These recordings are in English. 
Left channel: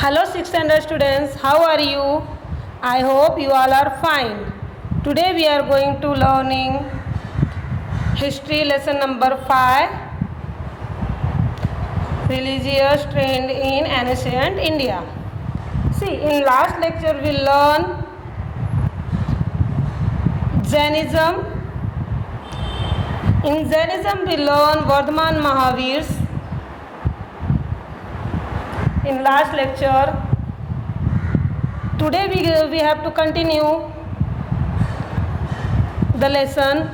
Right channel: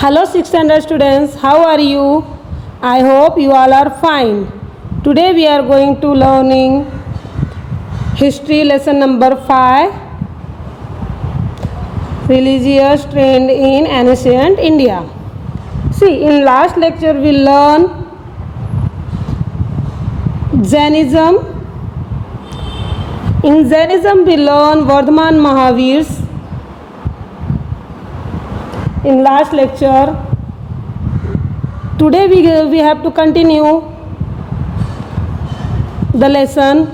Hello 6th standard students, how are you? I hope you all are fine. Today we are going to learning history lesson number 5, religious trend in ancient India. See, in last lecture we learned Jainism. In Jainism we learned Vardhaman Mahavirs. In last lecture, today we have to continue the lesson,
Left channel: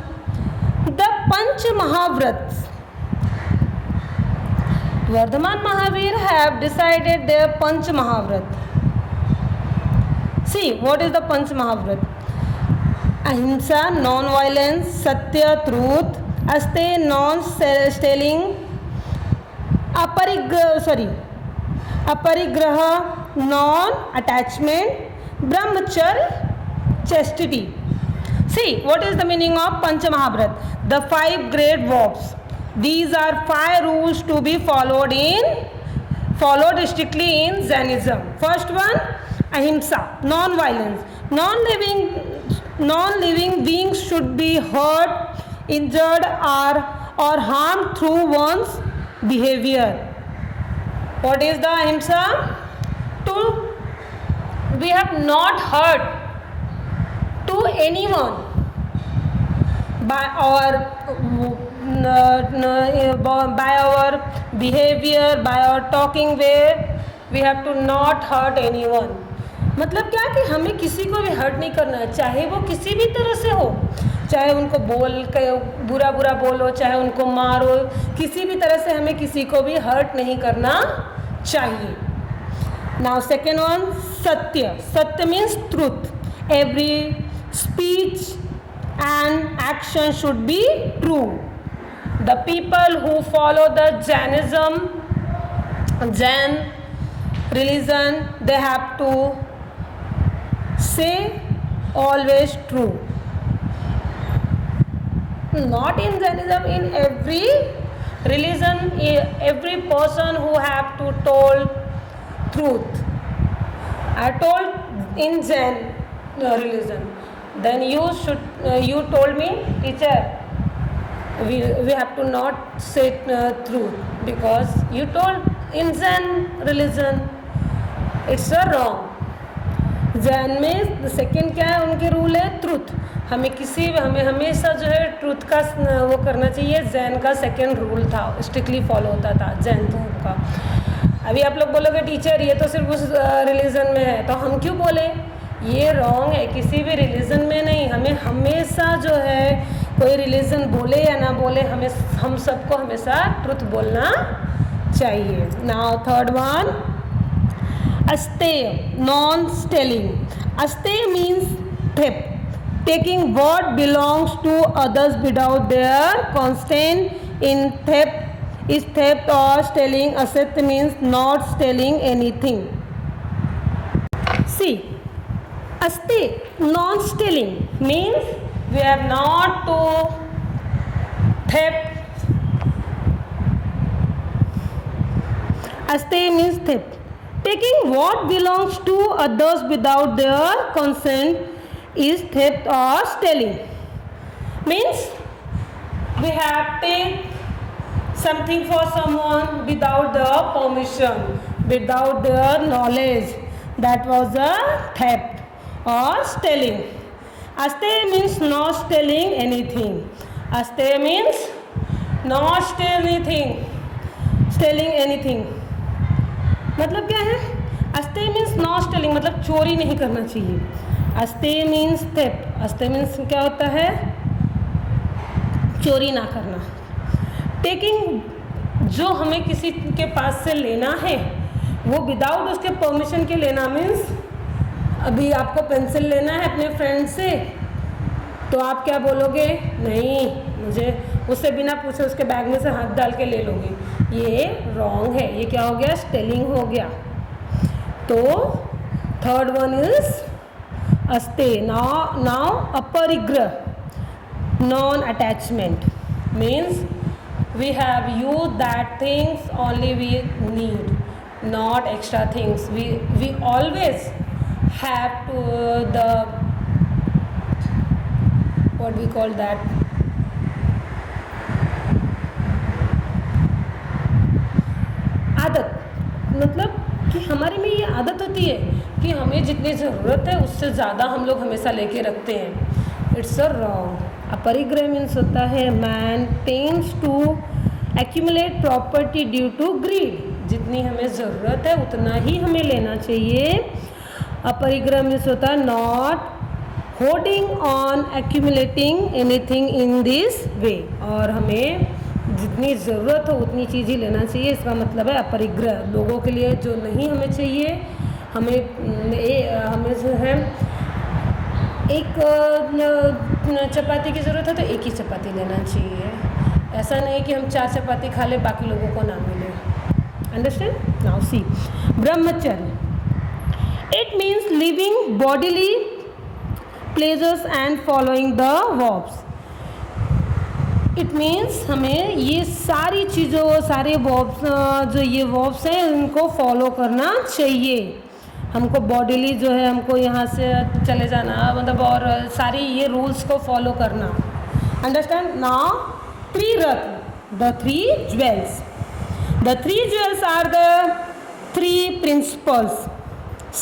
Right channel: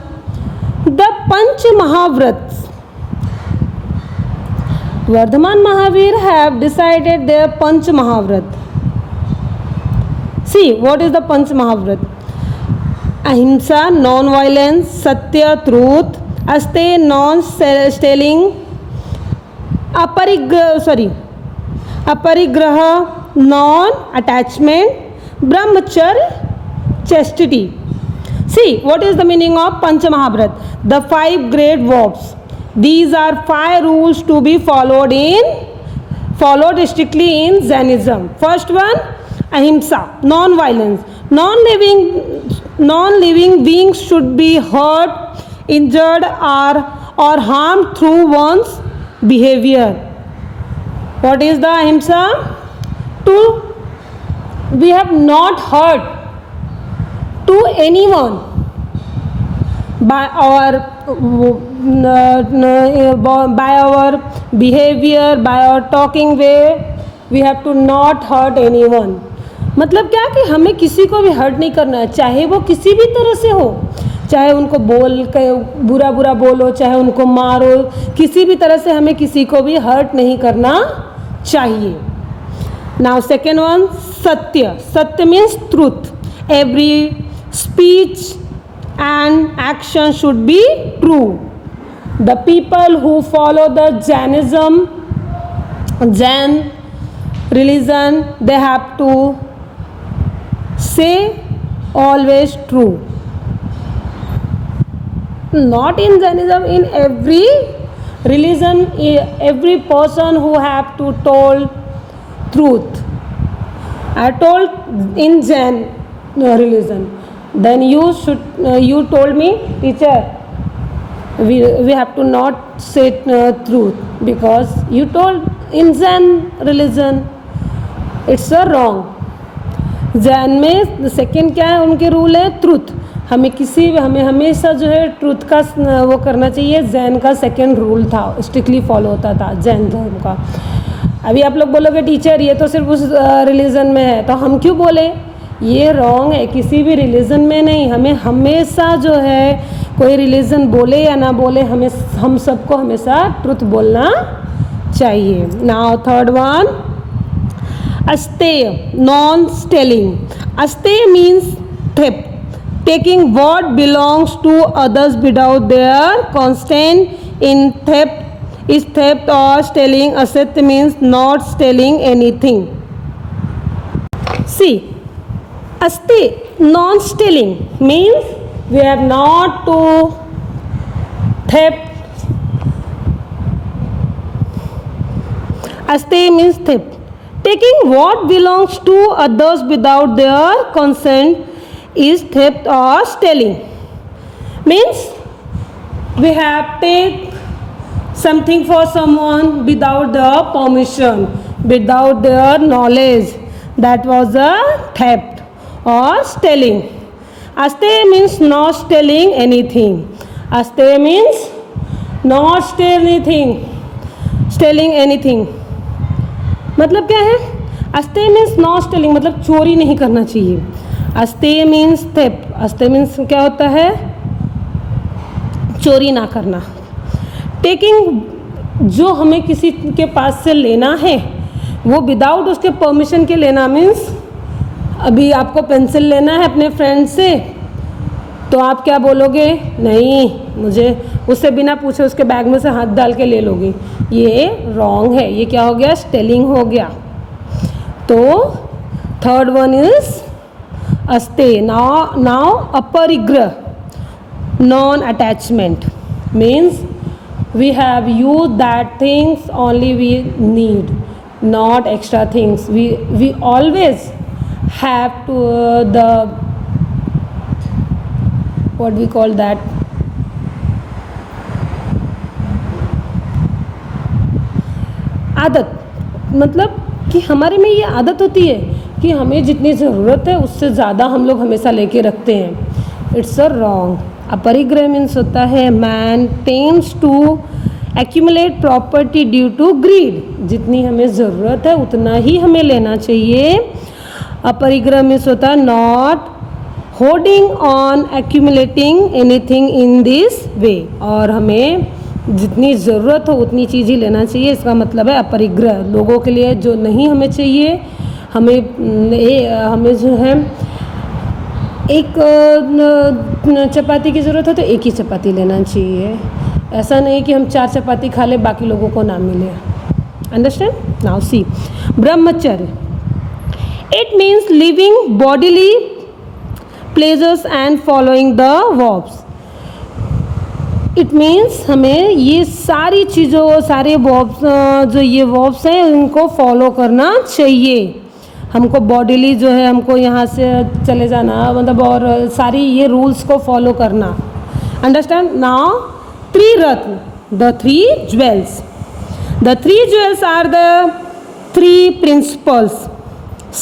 the Panch Mahavrats. Vardhaman Mahavir have decided their Panch Mahavrat. See, what is the Panch Mahavrat? Ahimsa, non-violence; Satya, truth; Aste, non-stealing; Aparigraha, non-attachment; Brahmacharya, chastity. See, what is the meaning of Pancha Mahabharat? The 5 great vows. These are 5 rules to be followed strictly in Jainism. First one, ahimsa, non-violence. Non-living beings should be hurt, injured, or harmed through one's behavior. What is the ahimsa? We have not hurt to anyone by our behavior, by our talking way. We have to not hurt anyone. मतलब क्या कि हमें किसी को भी hurt नहीं करना है, चाहे वो किसी भी तरह से हो, चाहे उनको बुरा बोलो, चाहे उनको मारो, किसी भी तरह से हमें किसी को भी हर्ट नहीं करना चाहिए. Now second one, satya. Satya means truth. Every speech and action should be true. The people who follow the Jain religion, they have to say always true. Not in Jainism, in every religion, every person who have to tell truth. I told in Jain religion. Then you told me, teacher, we have to not say truth because you told in Jain religion. It's a wrong. Jain में second क्या है, उनके rule है truth. हमें हमेशा जो है truth का वो करना चाहिए. जैन का सेकेंड रूल था, स्ट्रिक्टली फॉलो होता था जैन धर्म का. अभी आप लोग बोलोगे टीचर ये तो सिर्फ उस रिलीजन में है, तो हम क्यों बोले? ये रॉन्ग है. किसी भी रिलीजन में नहीं, हमें हमेशा जो है कोई रिलीजन बोले या ना बोले, हम सबको हमेशा ट्रुथ बोलना चाहिए. Now third one, asteya, non stealing. Asteya means theft, taking what belongs to others without their consent. In theft is theft or stealing. Asatya means not stealing anything. See, asti, non-stealing means we are not to theft. Asti means theft, taking what belongs to others without their consent is theft or stealing. Means we have take something for someone without their permission, without their knowledge. That was a theft or stealing. Asteya means not stealing anything. Asteya means not stealing anything. मतलब क्या है? Asteya means not stealing, मतलब चोरी नहीं करना चाहिए. Asteya means theft. Asteya means क्या होता है? चोरी ना करना. टेकिंग, जो हमें किसी के पास से लेना है वो विदाउट उसके परमिशन के लेना. मीन्स अभी आपको पेंसिल लेना है अपने फ्रेंड से, तो आप क्या बोलोगे? नहीं, मुझे उससे बिना पूछे उसके बैग में से हाथ डाल के ले लोगे. ये रॉन्ग है. ये क्या हो गया? स्टेलिंग हो गया. तो third one is asteya. Now aparigraha, non attachment means we have used that things only we need. not extra things. We always have to the what we call that, आदत, मतलब कि हमारे में ये आदत होती है कि हमें जितनी ज़रूरत है उससे ज़्यादा हम लोग हमेशा लेके रखते हैं. It's a wrong. Aparigraha means होता है man tends to accumulate property due to greed. जितनी हमें ज़रूरत है उतना ही हमें लेना चाहिए. अपरिग्रह मीन्स होता है not holding on accumulating anything in this way. और हमें जितनी ज़रूरत हो उतनी चीज़ ही लेना चाहिए. इसका मतलब है अपरिग्रह. लोगों के लिए जो नहीं हमें चाहिए, हमें जो है एक चपाती की ज़रूरत है तो एक ही चपाती लेना चाहिए. ऐसा नहीं कि हम 4 चपाती खा ले बाकी लोगों को ना मिले. अंडरस्टैंड. नाउ सी ब्रह्मचर्य. It means living bodily pleasures and following the verbs. It means हमें ये सारी चीज़ों, सारे वर्ब्स, जो ये वर्ब्स हैं इनको फॉलो करना चाहिए. हमको बॉडीली जो है हमको यहाँ से चले जाना, मतलब और सारी ये रूल्स को फॉलो करना. Understand. Now triratna, the 3 jewels. The 3 jewels are the 3 principles.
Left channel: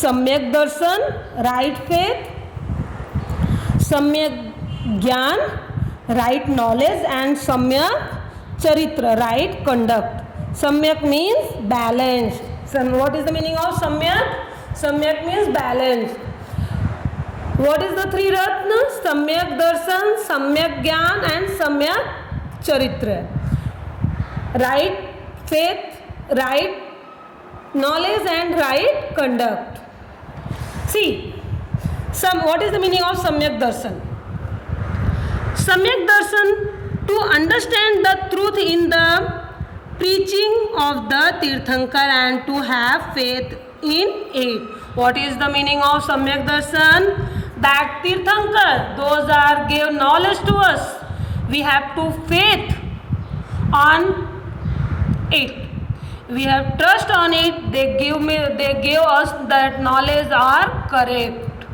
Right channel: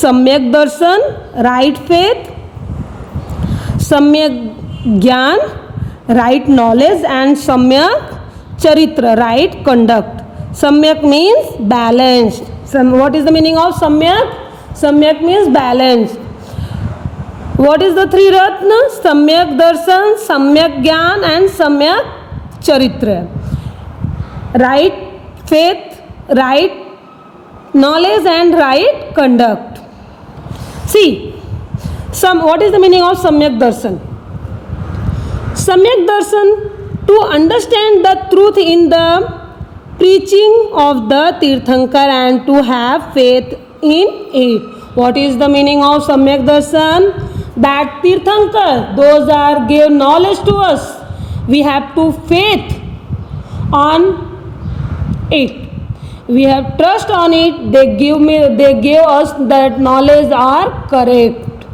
Samyak darshan, right faith, सम्यक ज्ञान, right knowledge, and samyak charitra, right conduct. Samyak means balanced. What is the meaning of samyak? Samyak means balanced. What is the 3 ratna? Samyak darshan, samyak gyan, and samyak charitra. Right faith, right knowledge, and right conduct. See, what is the meaning of samyak darshan? Samyak darshan, to understand the truth in the preaching of the Tirthankar and to have faith in it. What is the meaning of Samyak darshan? That Tirthankar, those are gave knowledge to us. We have to faith on it. We have trust on it. They give us that knowledge are correct,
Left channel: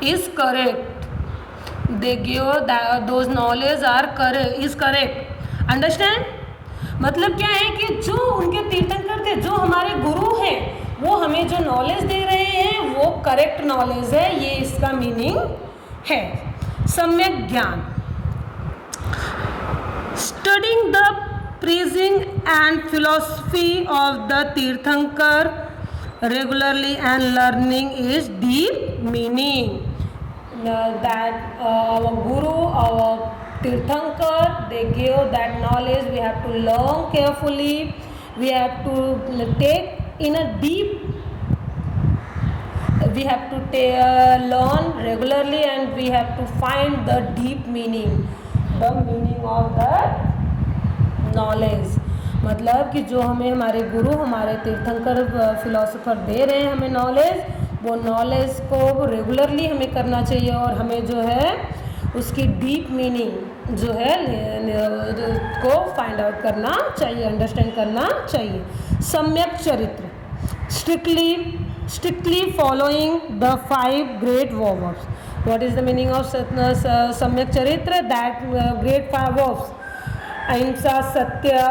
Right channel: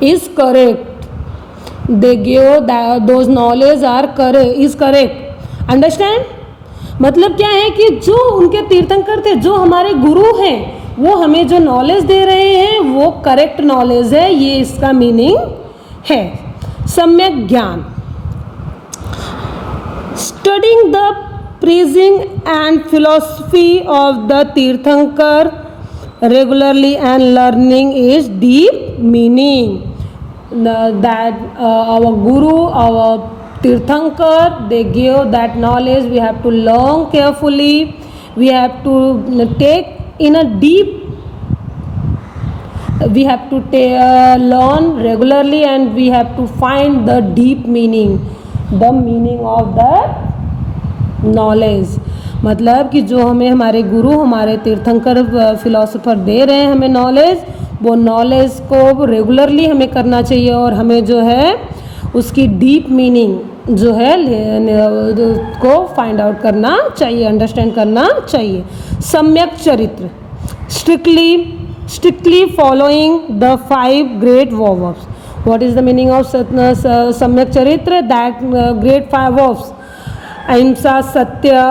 is correct. They give that those knowledge are correct, is correct. Understand. मतलब क्या है कि जो उनके तीर्थंकर थे, जो हमारे गुरु हैं, वो हमें जो नॉलेज दे रहे हैं वो करेक्ट नॉलेज है. ये इसका मीनिंग है. सम्यक ज्ञान. Studying the preaching and philosophy of the Tirthankar regularly and learning is deep meaning. That our guru, our Tirthankar, they give that knowledge. We have to learn carefully. We have to take in a deep. We have to learn regularly, and we have to find the deep meaning, the meaning of the knowledge. मतलब कि जो हमें हमारे गुरु, हमारे तीर्थंकर philosopher दे रहे हैं हमें नॉलेज, वो नॉलेज को रेगुलरली हमें करना चाहिए और हमें जो है उसकी डीप मीनिंग जो है को फाइंड आउट करना चाहिए, अंडरस्टैंड करना चाहिए. सम्यक चरित्र. Strictly following the 5 great verbs. What is the meaning of सम्यक चरित्र? That great 5 verbs. Ahimsa, Satya,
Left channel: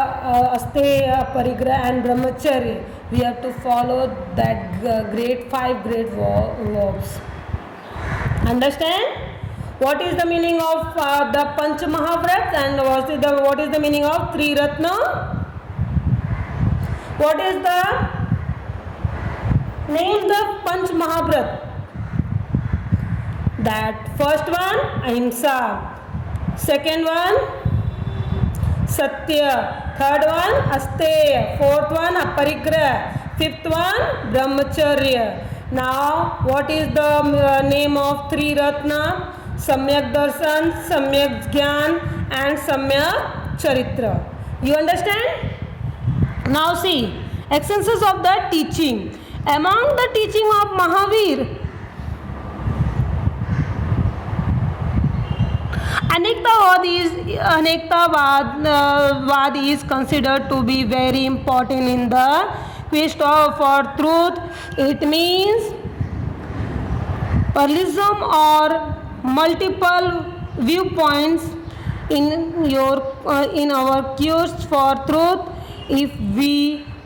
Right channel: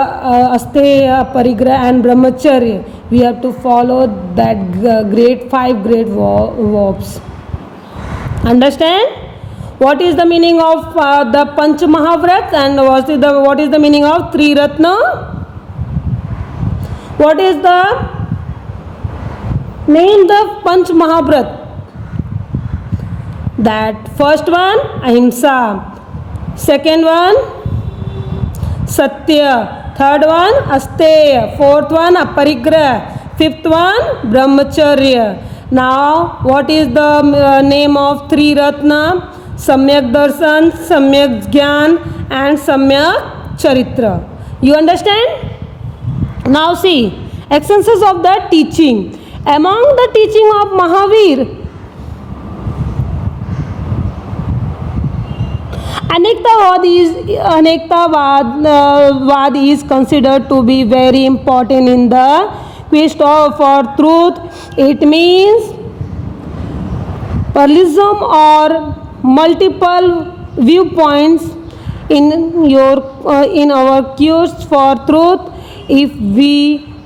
Asteya, Parigraha and Brahmacharya. We have to follow that great 5 great verbs. Understand? What is the meaning of the Panch Mahavrat and what is the meaning of Tri Ratna? What is the name the Panch Mahavrat? That first one Ahimsa, second one Satya, third one Asteya, fourth one Aparigraha, fifth one Brahmacharya. Now what is the name of Tri Ratna? Samyak Darshan, Samyak Jnana and Samyak Charitra. You understand? Now see, essences of the teaching. Among the teaching of Mahavir, Anektavad is considered to be very important in the quest for truth. It means pluralism or multiple viewpoints in our quest for truth. If we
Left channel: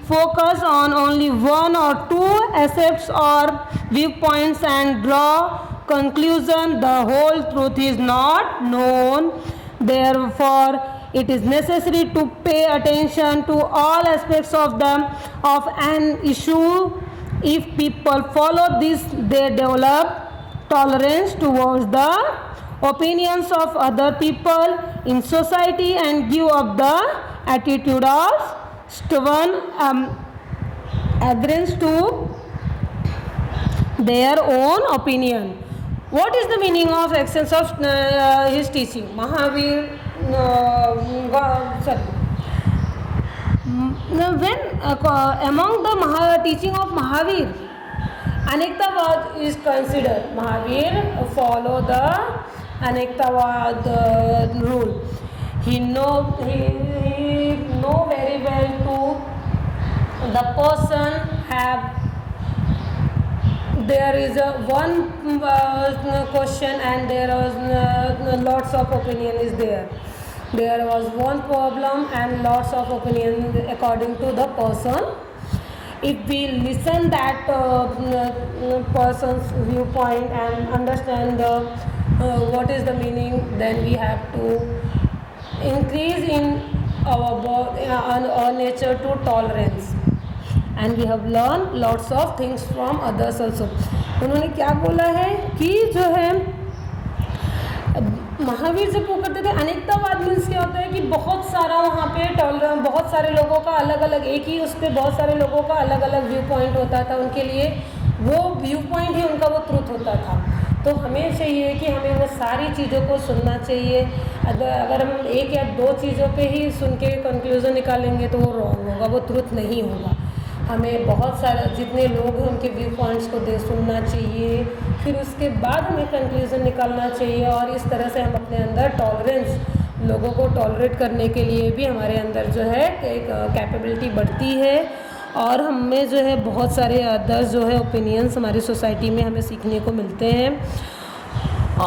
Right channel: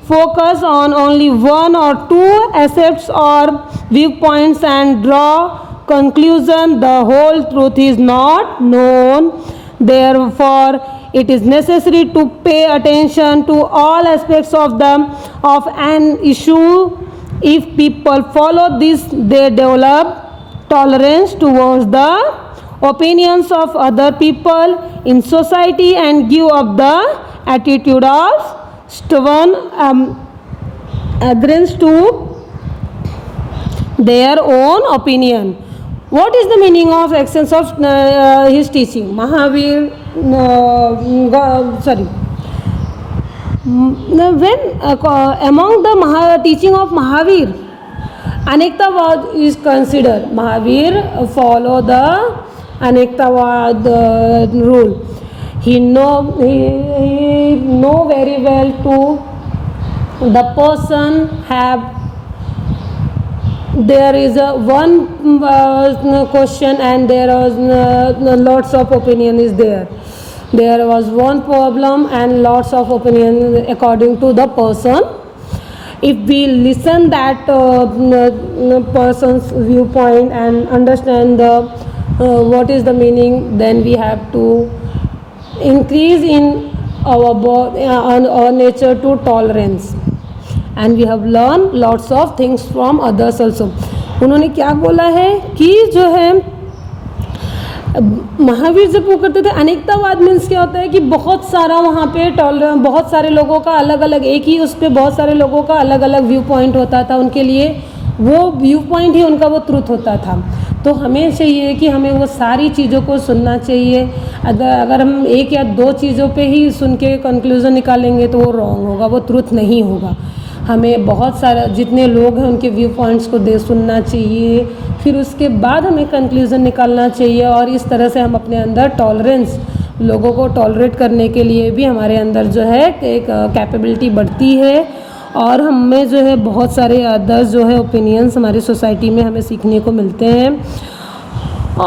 focus on only one or two aspects or viewpoints and draw conclusion, the whole truth is not known. Therefore, it is necessary to pay attention to all aspects of an issue. If people follow this, they develop tolerance towards the opinions of other people in society and give up the attitude of stubborn adherence to their own opinion. What is the meaning of essence of his teaching? Mahavir, among the teaching of Mahavir, Anektavad is considered. Mahavir follow the Anektavad rule. He know very well to the person have. There is one question and there was lots of opinion is there. There was one problem and lots of opinion according to the person. If we listen that person's viewpoint and understand what is the meaning, then we have to increase in our nature to tolerance. And we have learned lots of things from others also. उन्होंने क्या बोला है कि जो है महावीर जब वो करते थे अनेकतावाद मीन्स क्या होता है कि बहुत सारा वहाँ पे बहुत सारे लोगों का अलग अलग एक ही उस पर बहुत सारे लोगों का अलग अलग व्यू पॉइंट होता था. उनके लिए वो व्यू पॉइंट ही उनका वो ट्रुथ होता था. तो हमें चाहिए कि हमें वो सारी चीज़ों को सुनना चाहिए. अगर हम एक या दो चीज़ों पे ही सुन के कंक्लूज़न निकालेंगे तो वो रॉन्ग होगा, वो ट्रुथ नहीं होगा. हमें बहुत सारे जितने लोग हैं उनके व्यू पॉइंट्स को सुनना चाहिए, फिर उसके बाद हमें कंक्लूज़न निकालना चाहिए. और इस तरह से हम अपने अंदर टॉलरेंस, लोगों को टॉलरेट करने के लिए भी हमारे अंदर जो है एक कैपेबिलिटी बढ़ती है. और हमें जो है बहुत सारे अदर्स जो है ओपिनियंस हमारी सोसाइटी में हमें सीखने को मिलते हैं.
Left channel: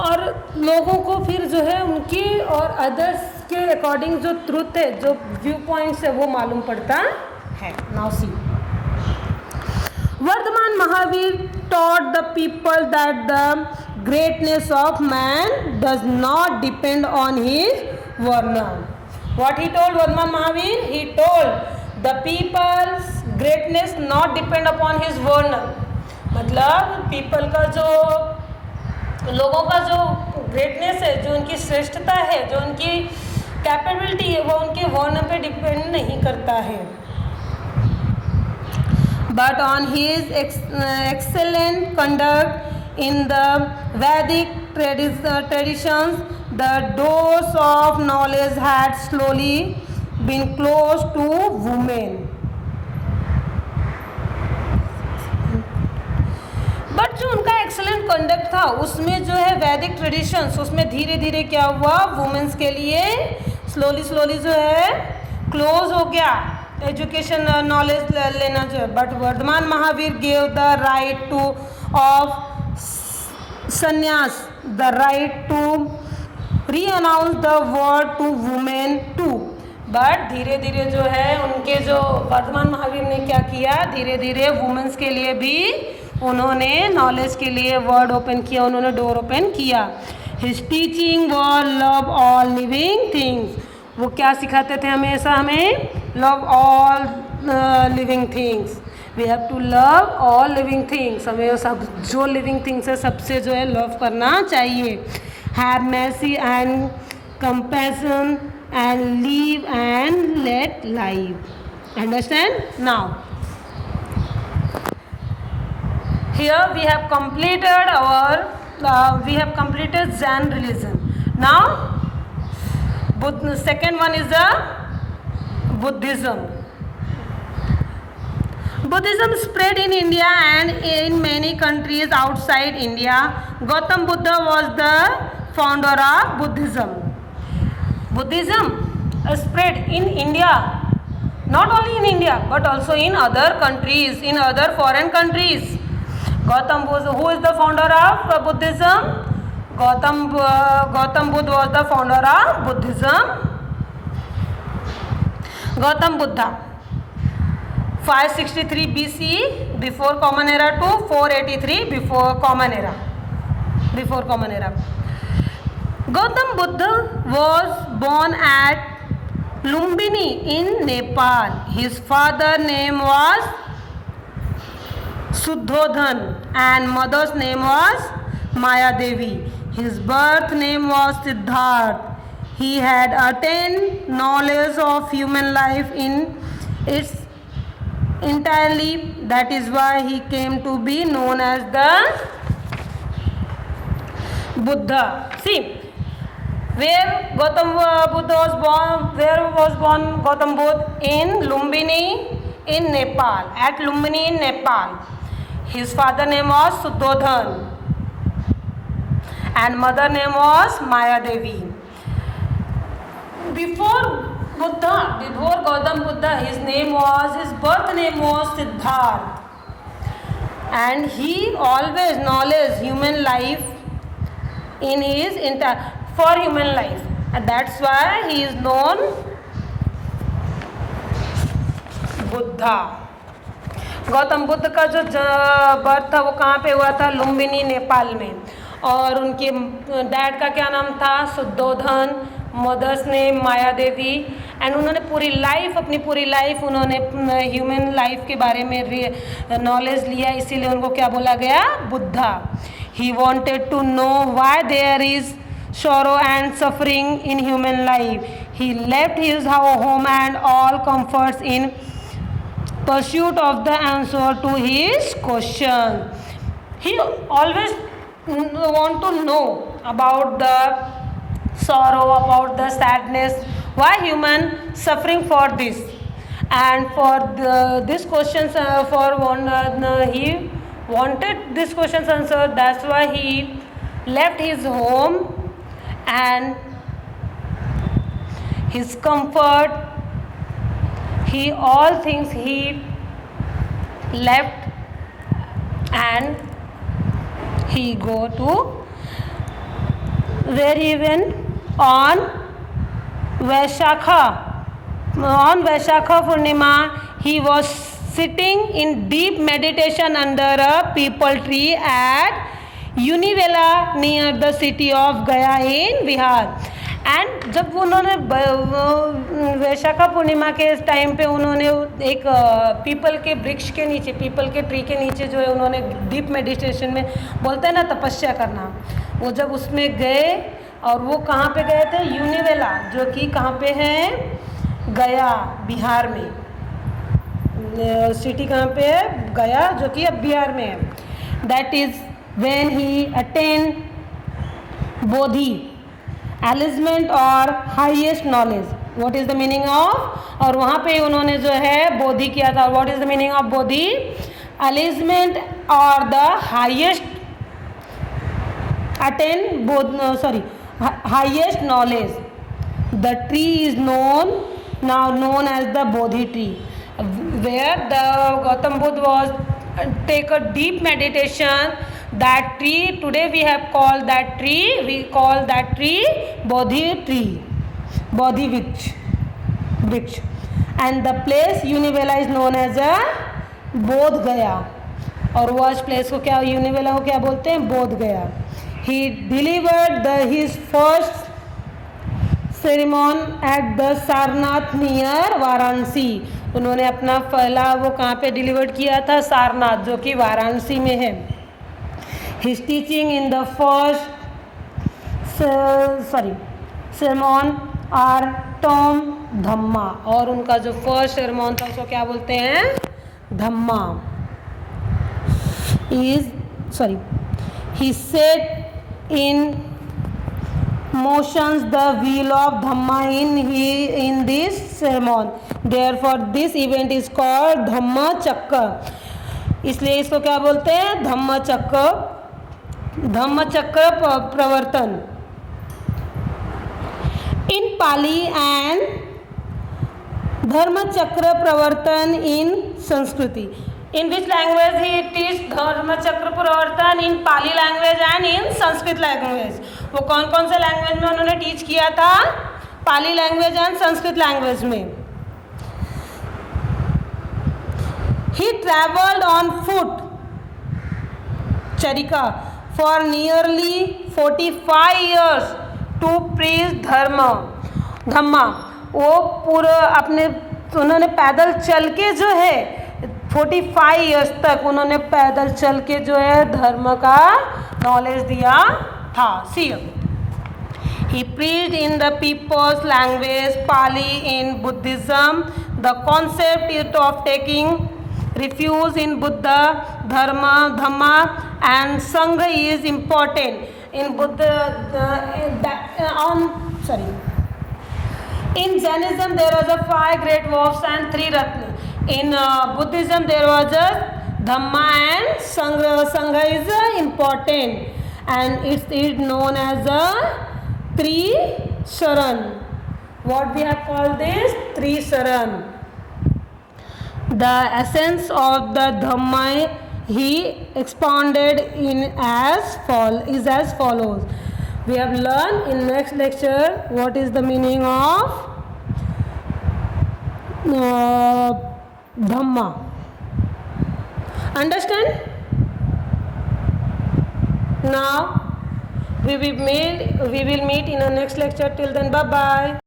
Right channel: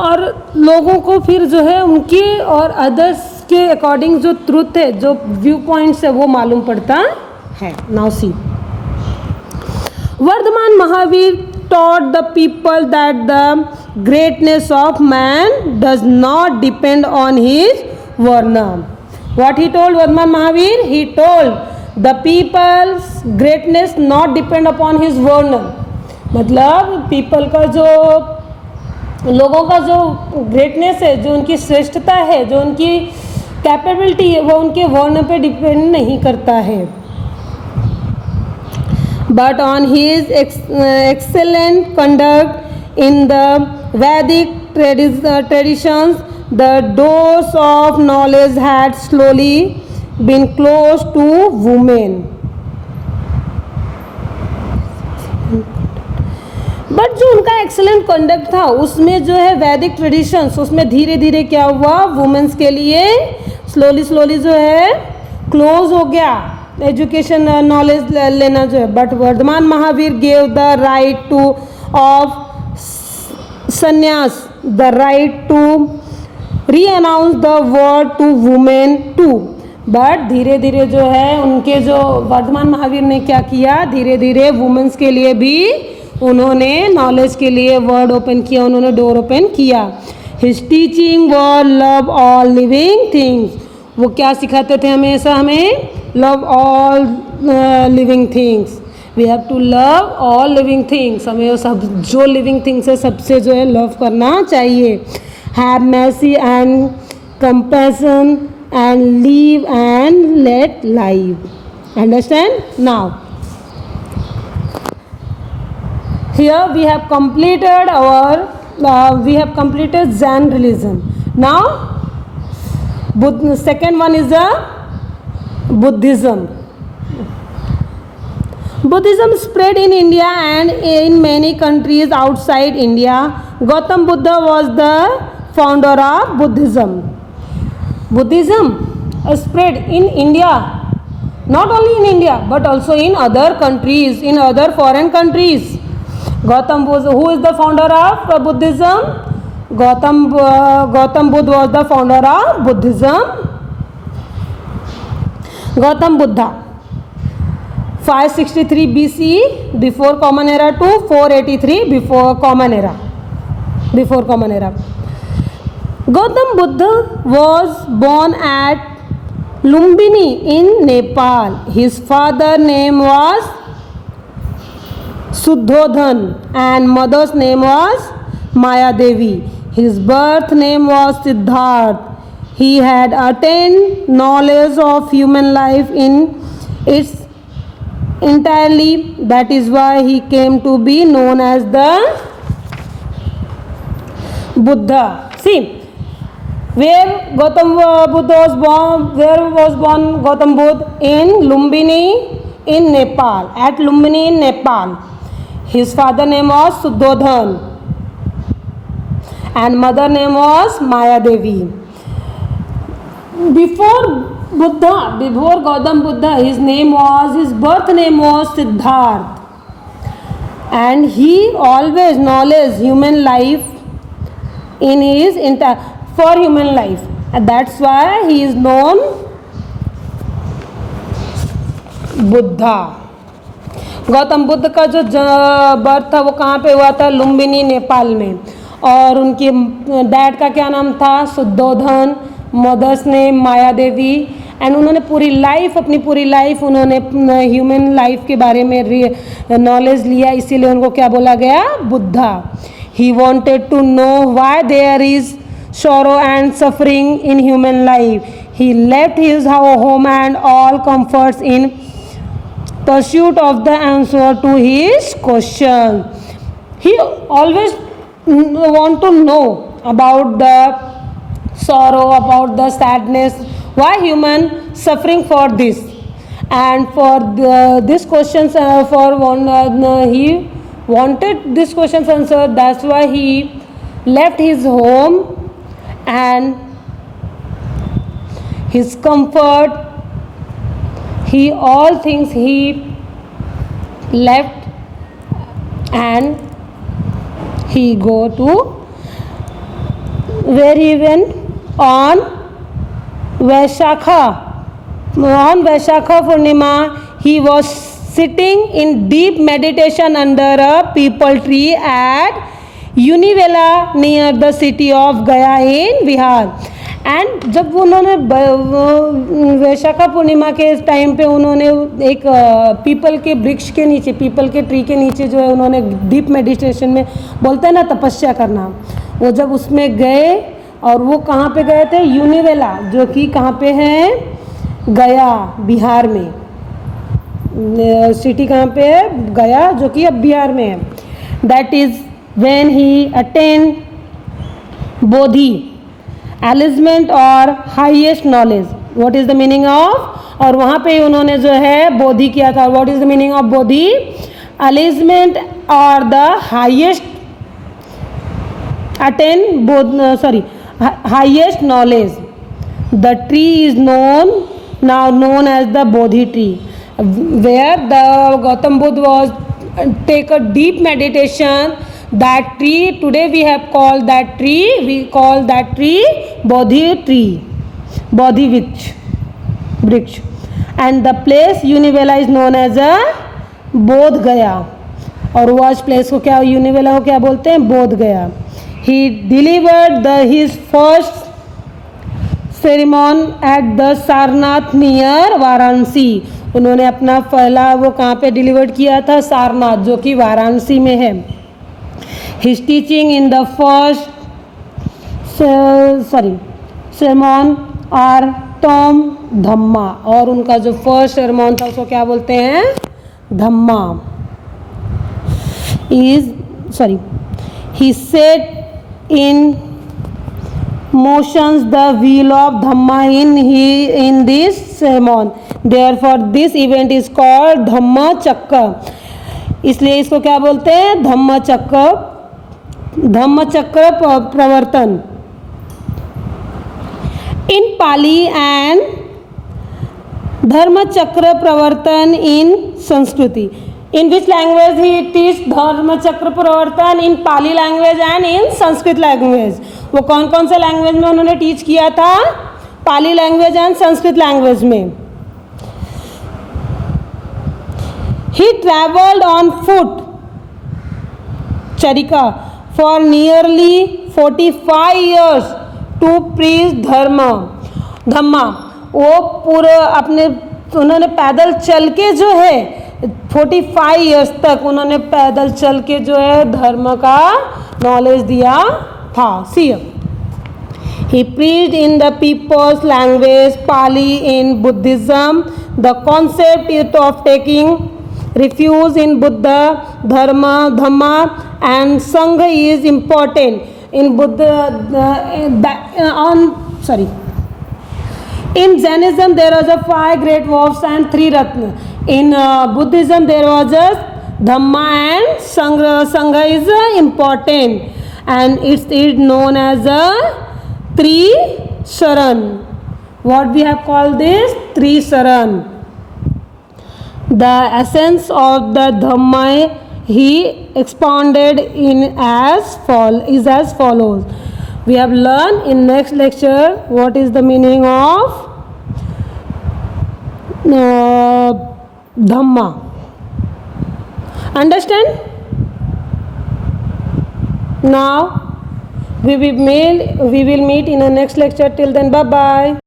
और लोगों को फिर जो है उनके और अदर्स के अकॉर्डिंग जो ट्रुथ है, जो व्यू पॉइंट्स है, वो मालूम पड़ता है. Now see, Vardhaman Mahavir taught the people that the greatness of man does not depend on his varna. What he told Vardhaman Mahavir? He told the people's greatness not depend upon his varna. मतलब people का जो लोगों का जो greatness है, जो उनकी श्रेष्ठता है, जो उनकी कैपेबिलिटी है, वो उनके वर्ण पे डिपेंड नहीं करता है. But on his excellent conduct in the Vedic traditions, the doors of knowledge had slowly been closed to women. But जो उनका एक्सेलेंट कंडक्ट था उसमें जो है वैदिक ट्रेडिशंस, उसमें धीरे धीरे क्या हुआ, वुमेन्स के लिए स्लोली जो है क्लोज हो गया एजुकेशन नॉलेज लेना जो है. But Vardhaman Mahavir gave the right to of sanyas, the right to renounce the world to women too. But धीरे धीरे जो है उनके जो वर्धमान महावीर ने क्या किया, धीरे धीरे वुमेन्स के लिए भी उन्होंने नॉलेज के लिए वर्ड ओपन किया, उन्होंने डोर ओपन किया. His teaching were love all living things. वो क्या सिखाते थे हमेशा हमें, love all living things. We have to love all living things. हमें सब जो लिविंग थिंग्स है सबसे जो है लव करना चाहिए. Have mercy and compassion and leave and let live. Understand? Now here we have completed Zen religion. Now second one is Buddhism. Buddhism spread in India and in many countries outside India. Gautam Buddha was the founder of Buddhism. Buddhism spread in India not only in India but also in other countries, in other foreign countries. Gautam Buddha, who is the founder of Buddhism? Gautam Buddha was the founder of Buddhism. Gautam Buddha, 563 BCE before common era to 483 before common era. Gautam Buddha was born at Lumbini in Nepal. His father name was Suddhodhan and mother's name was Maya Devi. His birth name was Siddharth. He had attained knowledge of human life in its entirely. That is why he came to be known as the Buddha. See, where Gautam Buddha was born? Where was born Gautam Buddha? In Lumbini in Nepal. At Lumbini in Nepal. His father name was Suddhodhan and mother name was Maya Devi. Before Gautam Buddha, his birth name was Siddharth, and he always knowledge human life in his for human life. And that's why he is known Buddha. Gautam Buddha का जो birth था वो कहाँ पे हुआ था? लुम्बिनी नेपाल में. और उनके डैड का क्या नाम था? Shuddhodhan. Mother's name Maya Devi. And उन्होंने अपनी पूरी लाइफ उन्होंने ह्यूमन लाइफ के बारे में नॉलेज लिया, इसीलिए उनको क्या बोला गया? Buddha. He wanted to know why there is sorrow and suffering in human life. He left his home and all comforts in pursuit of the answer to his question. He always want to know about the sorrow, about the sadness, why human suffering for this, and for this questions he wanted this questions answered. That's why he left his home and his comfort, all things he left and he go to where he went on Vaishakha Purnima. He was sitting in deep meditation under a peepal tree at Univela near the city of Gaya in Bihar. And जब उन्होंने वैशाखा पूर्णिमा के time पे उन्होंने एक people के वृक्ष के नीचे, पीपल के ट्री के नीचे जो है उन्होंने डीप मेडिटेशन में बोलते हैं ना तपस्या करना, वो जब उसमें गए और वो कहाँ पे गए थे? यूनिवेला, जो कि कहाँ पे है? गया बिहार में. सिटी कहाँ पे है? गया, जो कि अब बिहार में है. That is when he attained bodhi enlightenment और highest knowledge. What is the meaning of? और वहाँ पे उन्होंने जो है बोधि किया था. What is the meaning of bodhi? Enlightenment और the highest highest knowledge. The tree is known as the Bodhi tree, where the Gautam Buddha was take a deep meditation. That tree, today we have called that tree, Bodhi tree, Bodhi Vriksh. And the place Univela is known as a Bodh Gaya. और watch place को क्या, यूनिवेला को क्या बोलते हैं? बोध गया. He delivered his first sermon at the Sarnath near Varanasi. उन्होंने अपना पहला वो कहाँ पे डिलीवर किया था? सारनाथ, जो कि वाराणसी में है. His teaching in the first sermon are Tom Dhamma, और उनका जो फर्स्ट sermon था उसको क्या बोलते हैं? धम्मा. He set in motions the wheel of Dhamma in this sermon. Therefore this event is called Dhamma Chakra. इसलिए इसको क्या बोलते हैं? धम्म चक्र प्रवर्तन. In Pali and धर्म चक्र प्रवर्तन इन संस्कृति. In which language he teach dharma chakra pravartan? In Pali language and in Sanskrit language. वो कौन कौन से लैंग्वेज में उन्होंने टीच किया था? पाली लैंग्वेज एंड संस्कृत लैंग्वेज में. He traveled on foot, चरिका, for nearly 45 years to preach धम्मा. वो पूरे अपने उन्होंने पैदल चल के जो है 45 ईयर्स तक उन्होंने पैदल चल के जो है धर्म का नॉलेज दिया था. सी, he preached in the people's language Pali in Buddhism. The concept of taking refuge in Buddha, Dhamma and Sangha is important. In In Jainism there was a 5 great wolves and 3 Ratna. In Buddhism there was a Dhamma and Sangha. Sangha is important and it's known as a Trisaran. What we have called this? Trisaran. The essence of the Dhamma he expounded in as follows. We have learned in next lecture what is the meaning of Dhamma. Understand? Now we will meet in our next lecture. Till then, bye bye.